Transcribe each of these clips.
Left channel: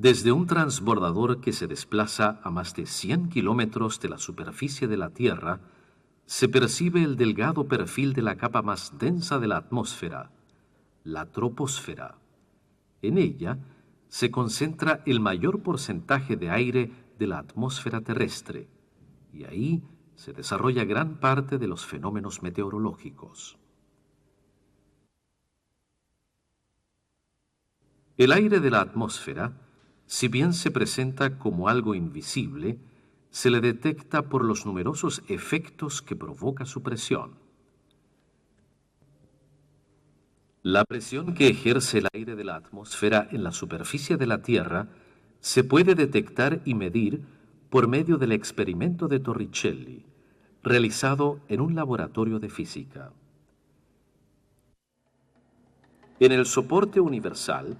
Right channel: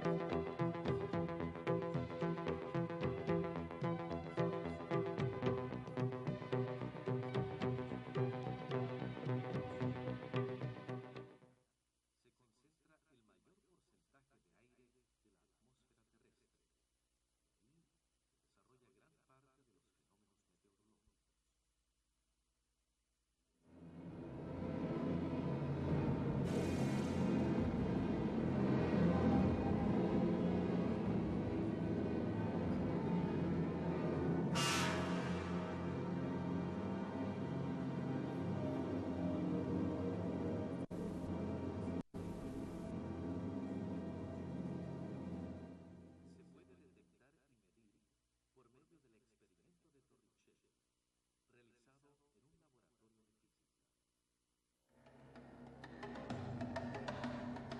Desde un transbordador que se desplaza a más de 100 kilómetros de la superficie de la Tierra, se percibe el delgado perfil de la capa más densa de la atmósfera, la troposfera. En ella se concentra el mayor porcentaje de aire de la atmósfera terrestre, y ahí se desarrolla gran parte de los fenómenos meteorológicos. El aire de la atmósfera, si bien se presenta como algo invisible, se le detecta por los numerosos efectos que provoca su presión. La presión que ejerce el aire de la atmósfera en la superficie de la Tierra se puede detectar y medir por medio del experimento de Torricelli, realizado en un laboratorio de física. En el soporte universal,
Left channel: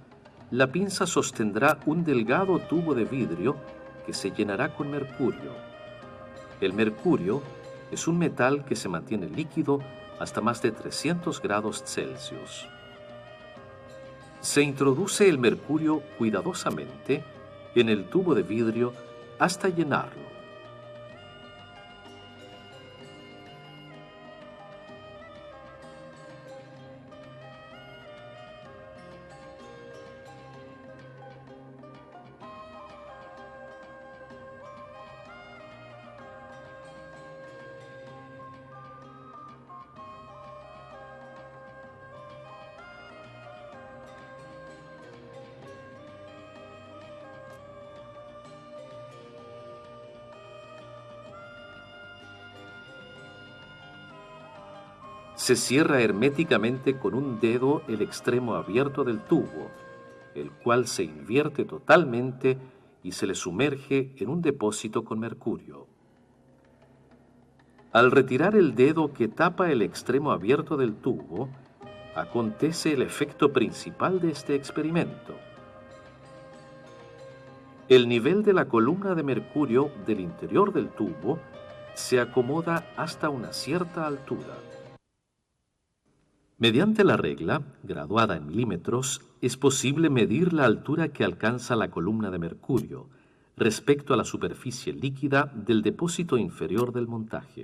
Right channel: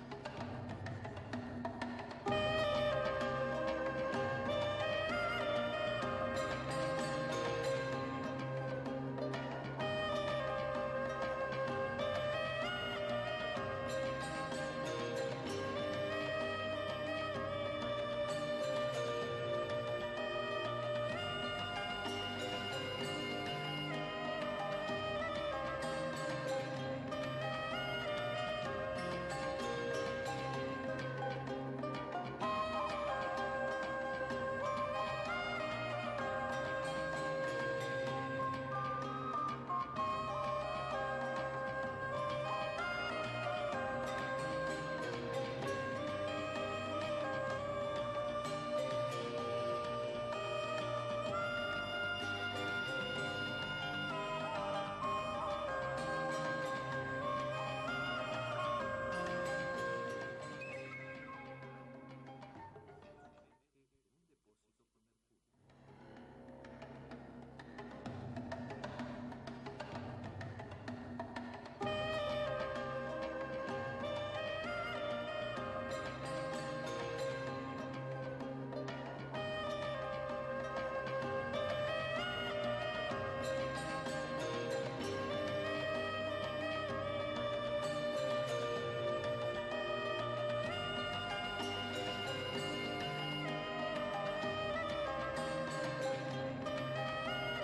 la pinza sostendrá un delgado tubo de vidrio que se llenará con mercurio. El mercurio es un metal que se mantiene líquido hasta más de 300 grados Celsius. Se introduce el mercurio cuidadosamente en el tubo de vidrio hasta llenarlo. Se cierra herméticamente con un dedo el extremo abierto del tubo, el cual se invierte totalmente y se le sumerge en un depósito con mercurio. Al retirar el dedo que tapa el extremo abierto del tubo, acontece el efecto principal de este experimento. El nivel de la columna de mercurio del interior del tubo se acomoda hasta una cierta altura. Mediante la regla, graduada en milímetros, es posible medir la altura que alcanza la columna de mercurio respecto a la superficie líquida del depósito inferior del montaje.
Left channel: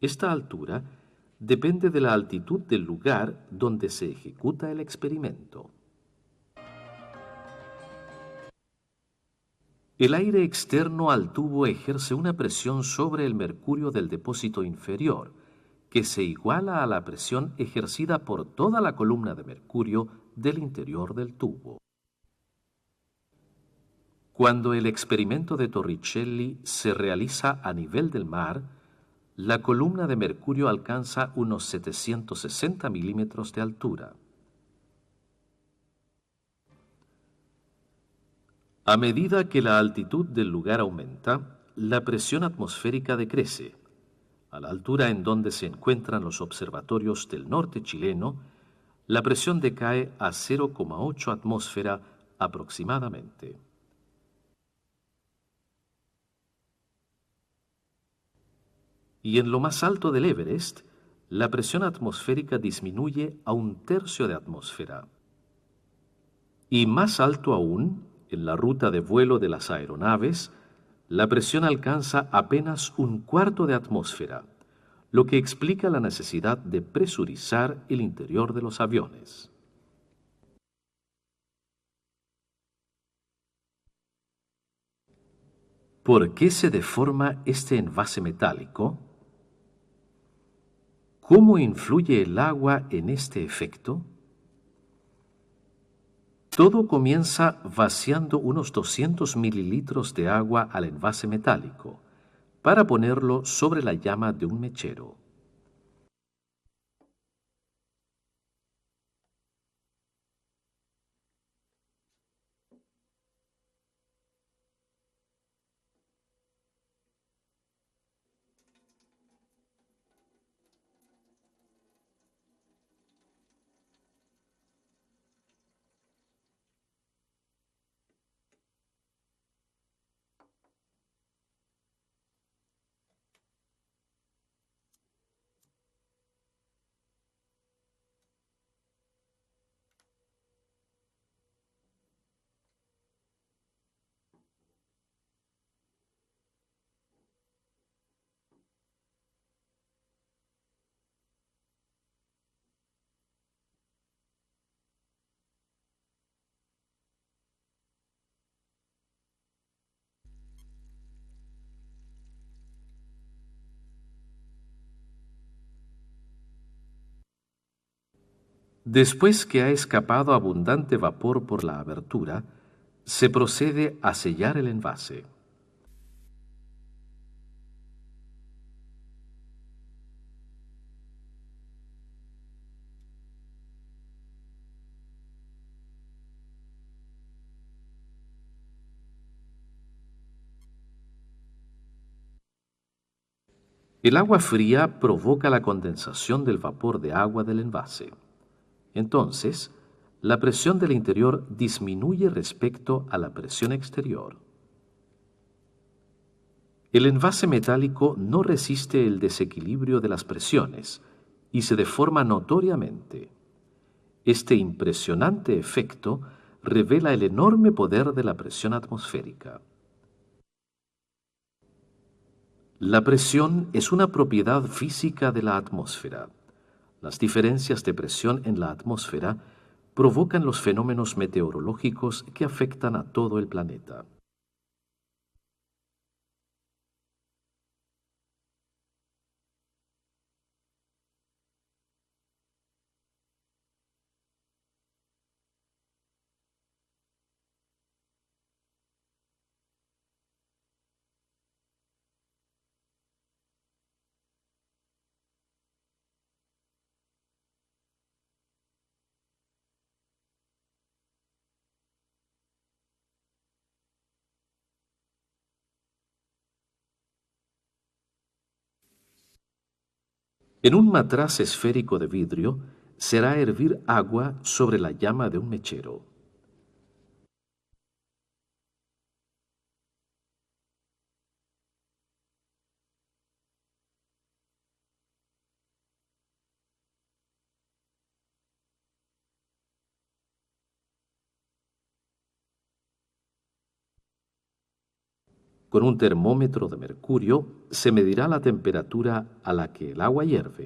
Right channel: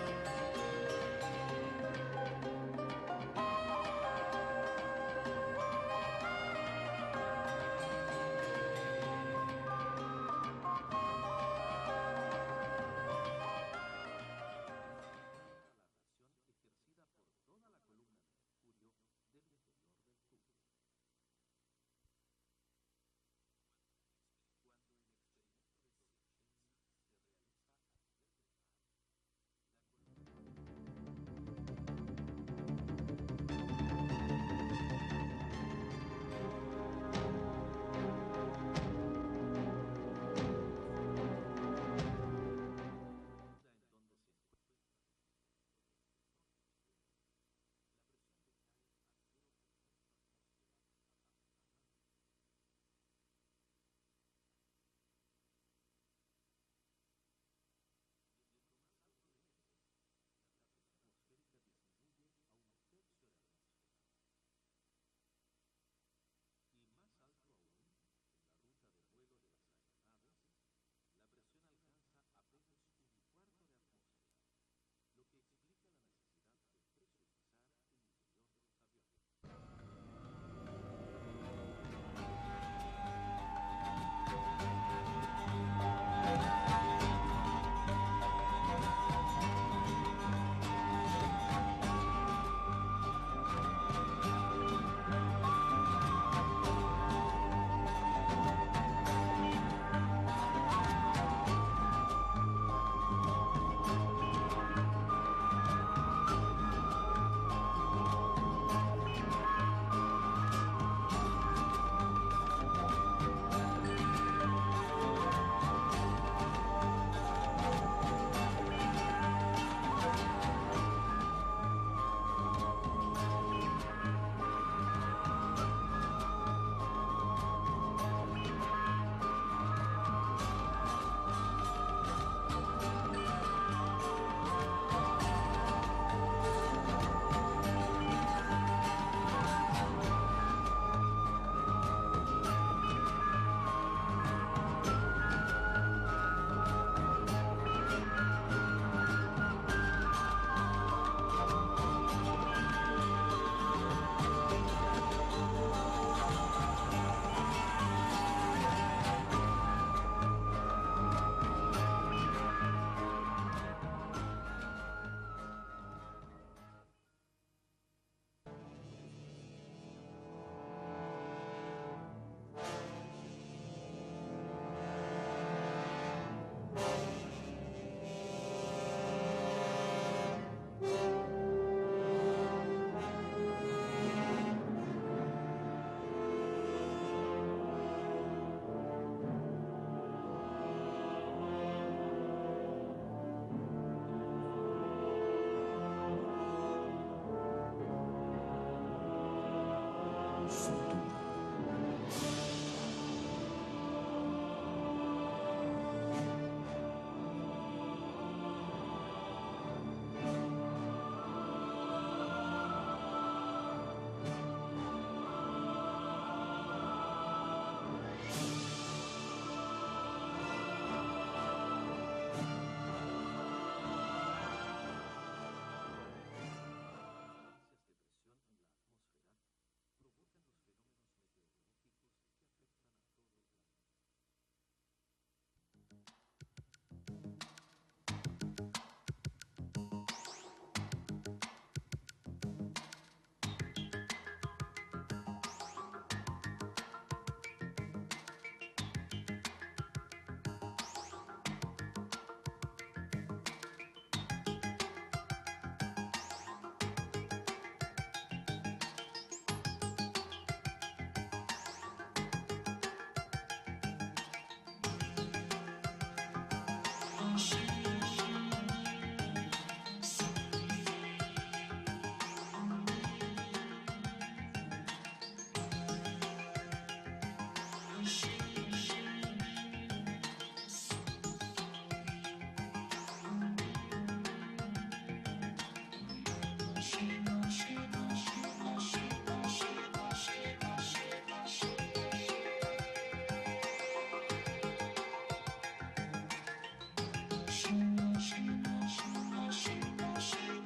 Esta altura depende de la altitud del lugar donde se ejecuta el experimento. El aire externo al tubo ejerce una presión sobre el mercurio del depósito inferior, que se iguala a la presión ejercida por toda la columna de mercurio del interior del tubo. Cuando el experimento de Torricelli se realiza a nivel del mar, la columna de mercurio alcanza unos 760 milímetros de altura. A medida que la altitud del lugar aumenta, la presión atmosférica decrece. A la altura en donde se encuentran los observatorios del norte chileno, la presión decae a 0,8 atmósfera aproximadamente. Y en lo más alto del Everest, la presión atmosférica disminuye a 1/3 de atmósfera. Y más alto aún, en la ruta de vuelo de las aeronaves, la presión alcanza apenas 1/4 de atmósfera, lo que explica la necesidad de presurizar el interior de los aviones. ¿Por qué se deforma este envase metálico? ¿Cómo influye el agua en este efecto? Todo comienza vaciando unos 200 mililitros de agua al envase metálico para ponerlo sobre la llama de un mechero. Después que ha escapado abundante vapor por la abertura, se procede a sellar el envase. El agua fría provoca la condensación del vapor de agua del envase. Entonces, la presión del interior disminuye respecto a la presión exterior. El envase metálico no resiste el desequilibrio de las presiones y se deforma notoriamente. Este impresionante efecto revela el enorme poder de la presión atmosférica. La presión es una propiedad física de la atmósfera. Las diferencias de presión en la atmósfera provocan los fenómenos meteorológicos que afectan a todo el planeta. En un matraz esférico de vidrio se hará hervir agua sobre la llama de un mechero. Con un termómetro de mercurio se medirá la temperatura a la que el agua hierve.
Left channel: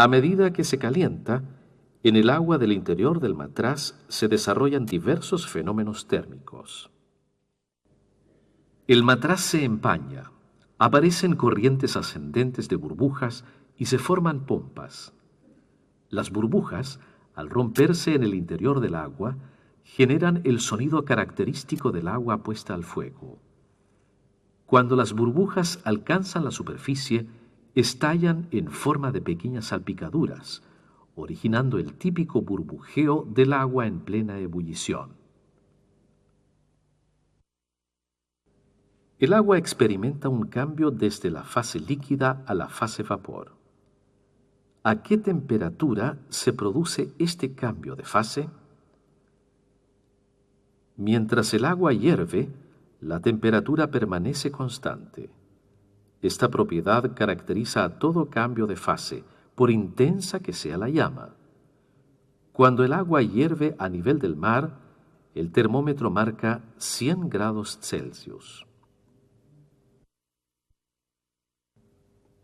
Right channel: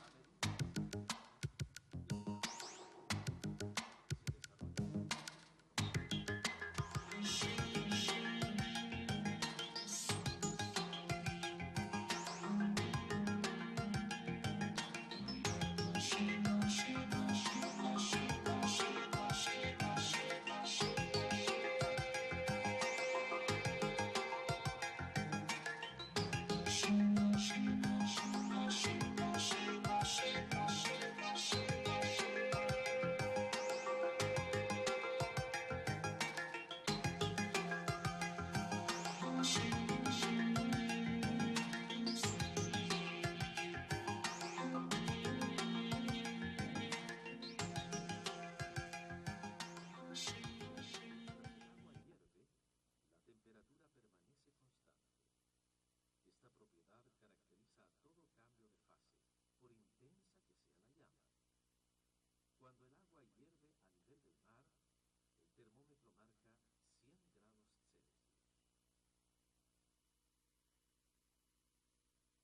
A medida que se calienta, en el agua del interior del matraz se desarrollan diversos fenómenos térmicos. El matraz se empaña, aparecen corrientes ascendentes de burbujas y se forman pompas. Las burbujas, al romperse en el interior del agua, generan el sonido característico del agua puesta al fuego. Cuando las burbujas alcanzan la superficie, estallan en forma de pequeñas salpicaduras, originando el típico burbujeo del agua en plena ebullición. El agua experimenta un cambio desde la fase líquida a la fase vapor. ¿A qué temperatura se produce este cambio de fase? Mientras el agua hierve, la temperatura permanece constante. Esta propiedad caracteriza a todo cambio de fase, por intensa que sea la llama. Cuando el agua hierve a nivel del mar, el termómetro marca 100 grados Celsius.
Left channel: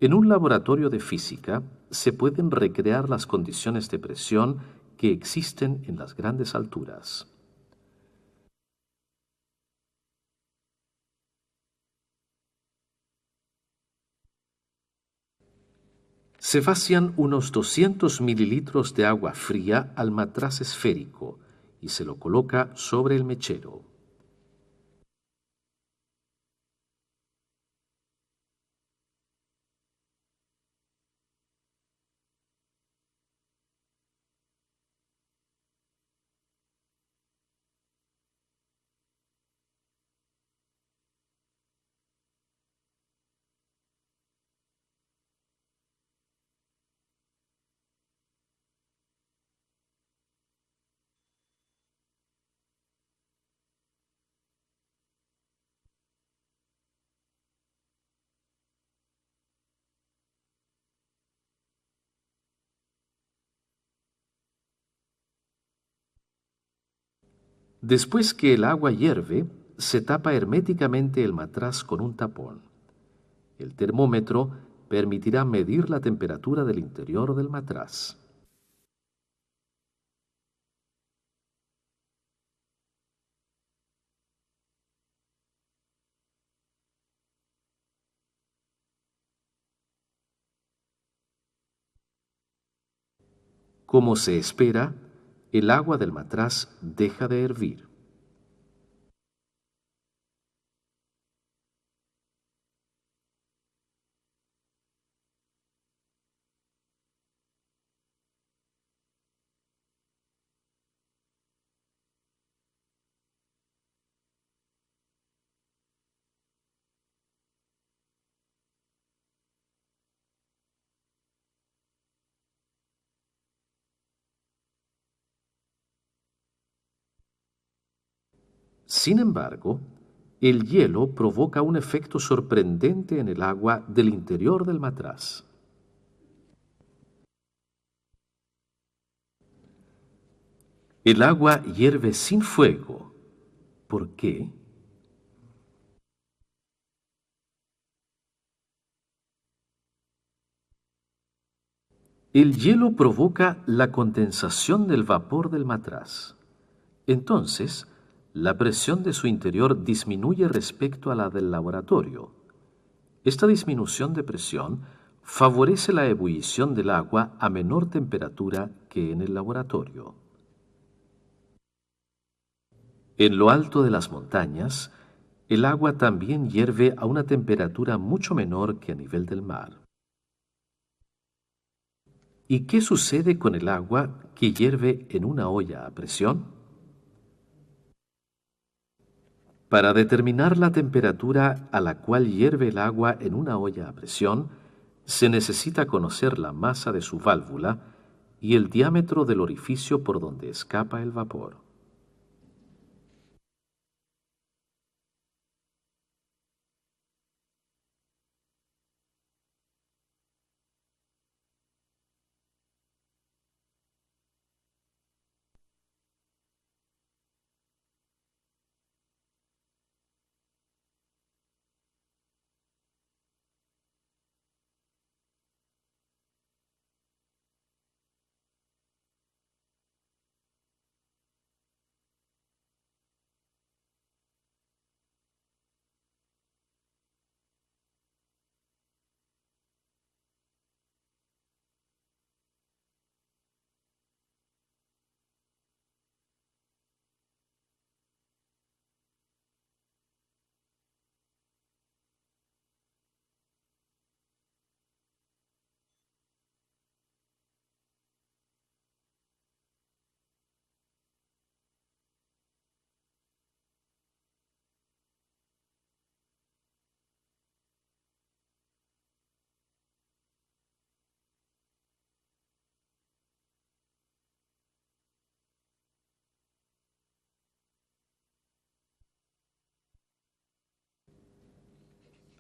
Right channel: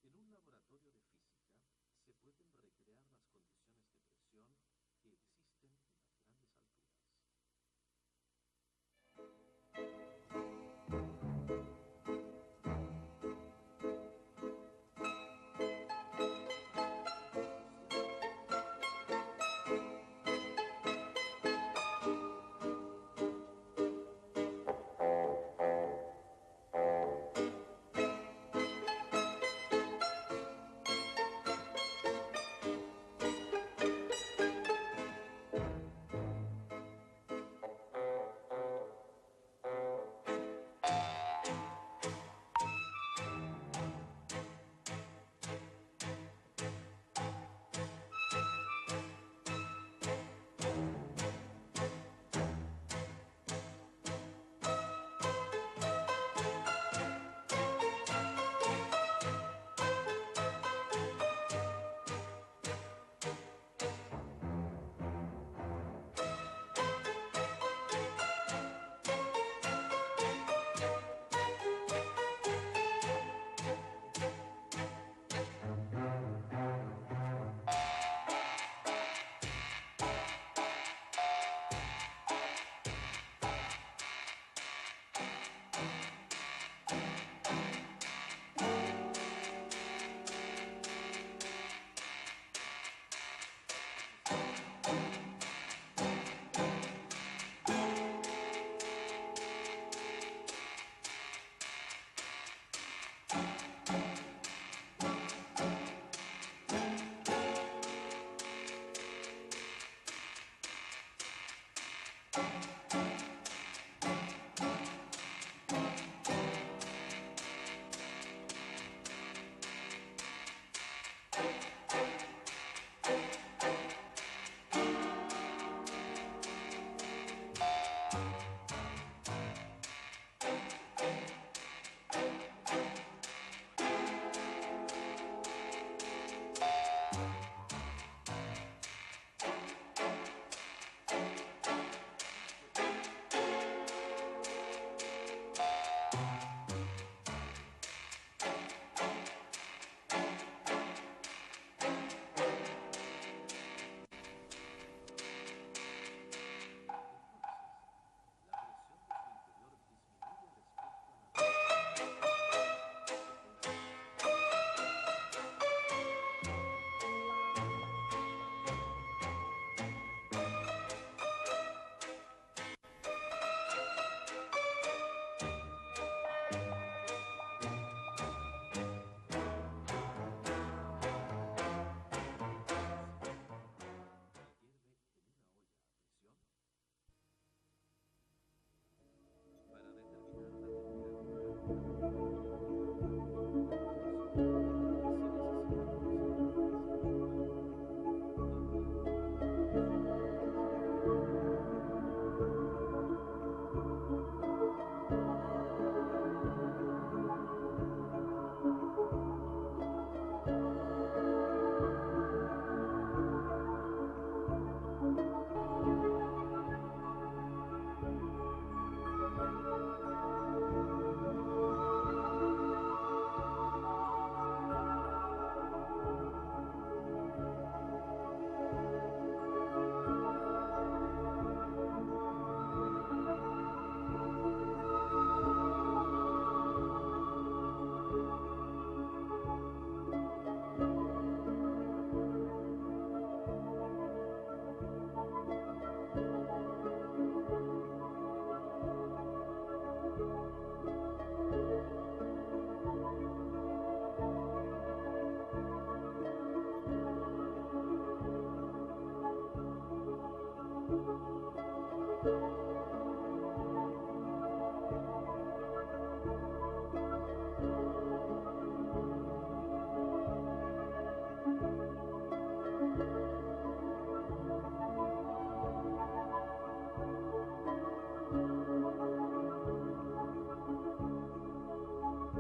En un laboratorio de física se pueden recrear las condiciones de presión que existen en las grandes alturas. Se vacian unos 200 mililitros de agua fría al matraz esférico y se lo coloca sobre el mechero. Después que el agua hierve, se tapa herméticamente el matraz con un tapón. El termómetro permitirá medir la temperatura del interior del matraz. Como se espera, el agua del matraz deja de hervir. Sin embargo, el hielo provoca un efecto sorprendente en el agua del interior del matraz. El agua hierve sin fuego. ¿Por qué? El hielo provoca la condensación del vapor del matraz. Entonces, la presión de su interior disminuye respecto a la del laboratorio. Esta disminución de presión favorece la ebullición del agua a menor temperatura que en el laboratorio. En lo alto de las montañas, el agua también hierve a una temperatura mucho menor que a nivel del mar. ¿Y qué sucede con el agua que hierve en una olla a presión? Para determinar la temperatura a la cual hierve el agua en una olla a presión, se necesita conocer la masa de su válvula y el diámetro del orificio por donde escapa el vapor.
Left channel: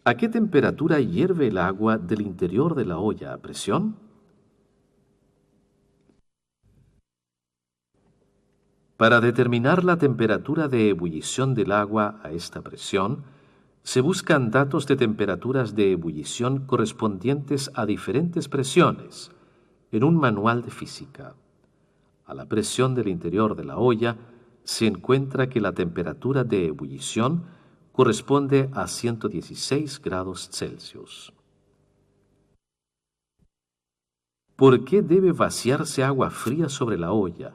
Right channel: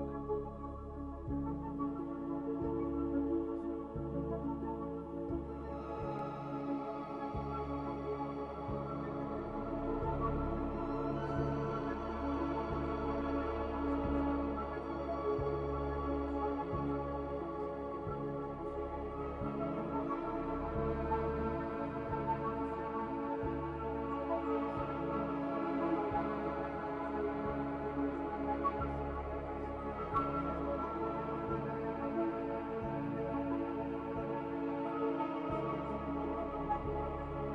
¿A qué temperatura hierve el agua del interior de la olla a presión? Para determinar la temperatura de ebullición del agua a esta presión, se buscan datos de temperaturas de ebullición correspondientes a diferentes presiones en un manual de física. A la presión del interior de la olla se encuentra que la temperatura de ebullición corresponde a 116 grados Celsius. ¿Por qué debe vaciarse agua fría sobre la olla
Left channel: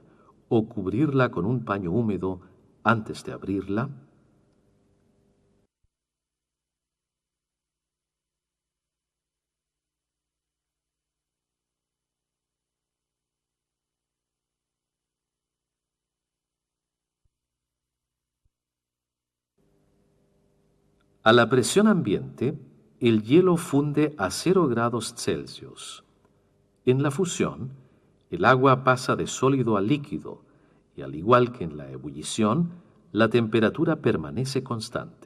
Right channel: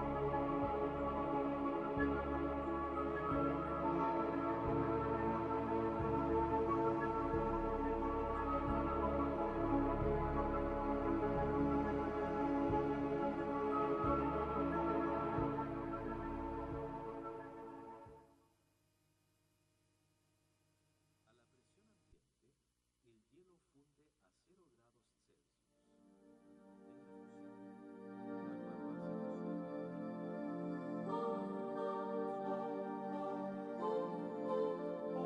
o cubrirla con un paño húmedo antes de abrirla? A la presión ambiente, el hielo funde a 0 grados Celsius. En la fusión, el agua pasa de sólido a líquido y al igual que en la ebullición, la temperatura permanece constante.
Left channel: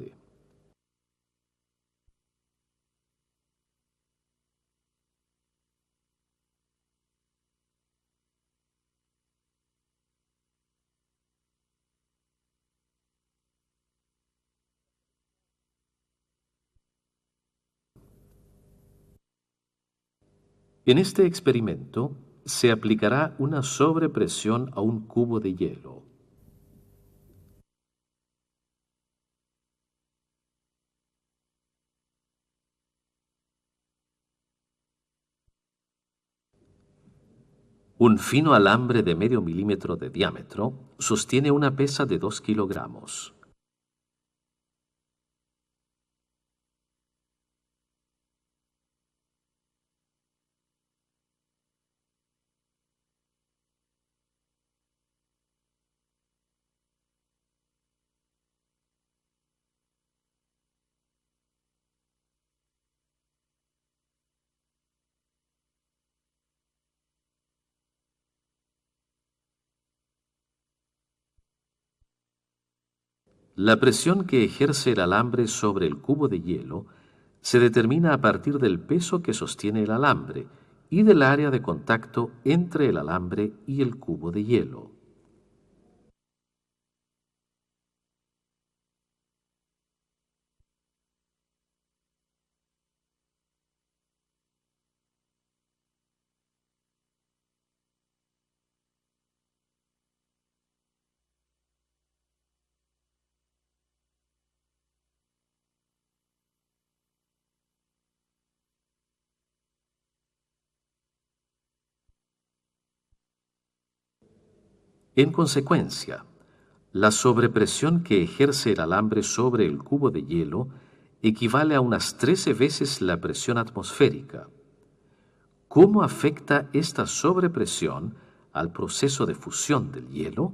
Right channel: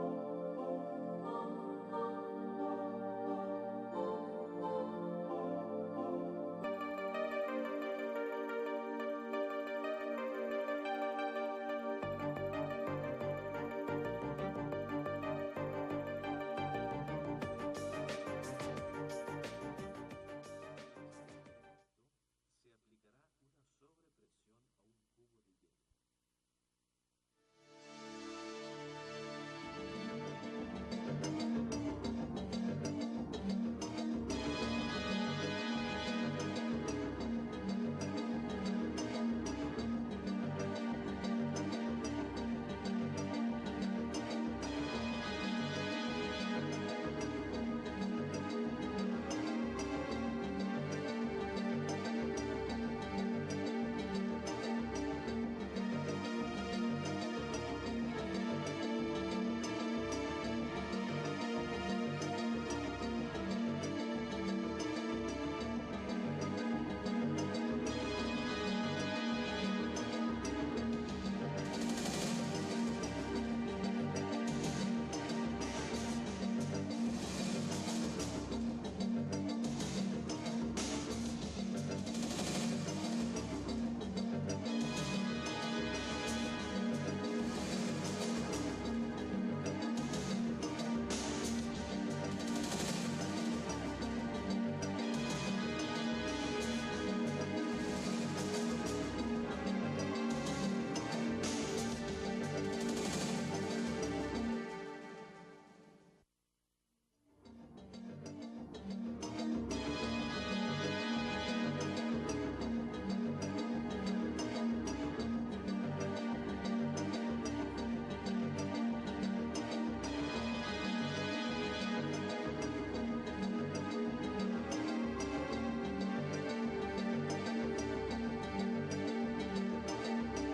En este experimento se aplicará una sobrepresión a un cubo de hielo. Un fino alambre de medio milímetro de diámetro sostiene una pesa de 2 kilogramos. La presión que ejerce el alambre sobre el cubo de hielo se determina a partir del peso que sostiene el alambre y del área de contacto entre el alambre y el cubo de hielo. En consecuencia, la sobrepresión que ejerce el alambre sobre el cubo de hielo equivale a unas 13 veces la presión atmosférica. ¿Cómo afecta esta sobrepresión al proceso de fusión del hielo?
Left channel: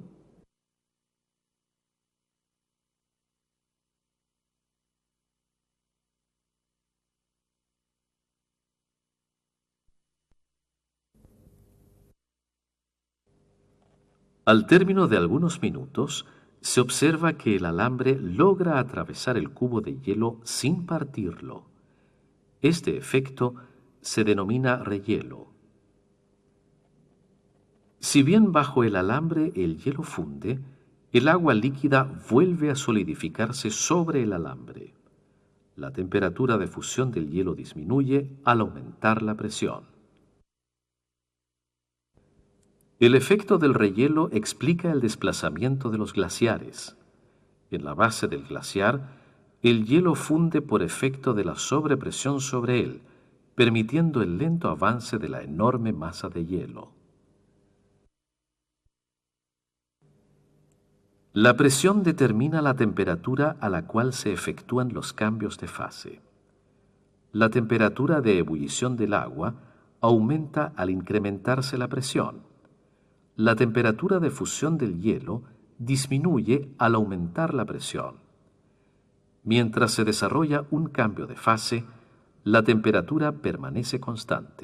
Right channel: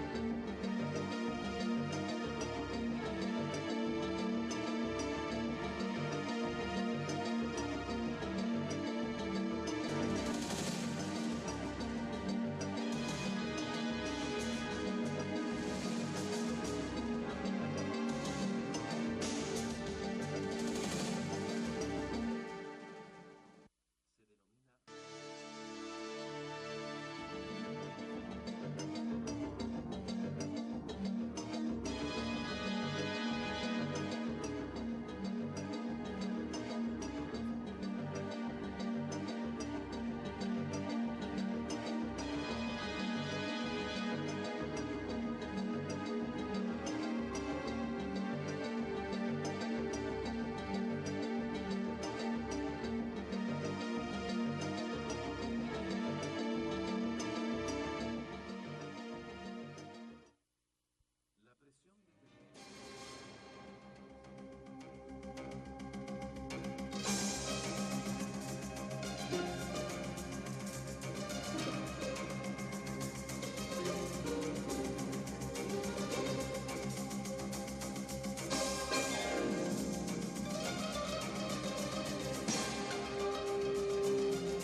Al término de algunos minutos, se observa que el alambre logra atravesar el cubo de hielo sin partirlo. Este efecto se denomina rehielo. Si bien bajo el alambre el hielo funde, el agua líquida vuelve a solidificarse sobre el alambre. La temperatura de fusión del hielo disminuye al aumentar la presión. El efecto del rehielo explica el desplazamiento de los glaciares. En la base del glaciar, el hielo funde por efecto de la sobrepresión sobre él, permitiendo el lento avance de la enorme masa de hielo. La presión determina la temperatura a la cual se efectúan los cambios de fase. La temperatura de ebullición del agua aumenta al incrementarse la presión. La temperatura de fusión del hielo disminuye al aumentar la presión. Mientras se desarrolla un cambio de fase, la temperatura permanece constante.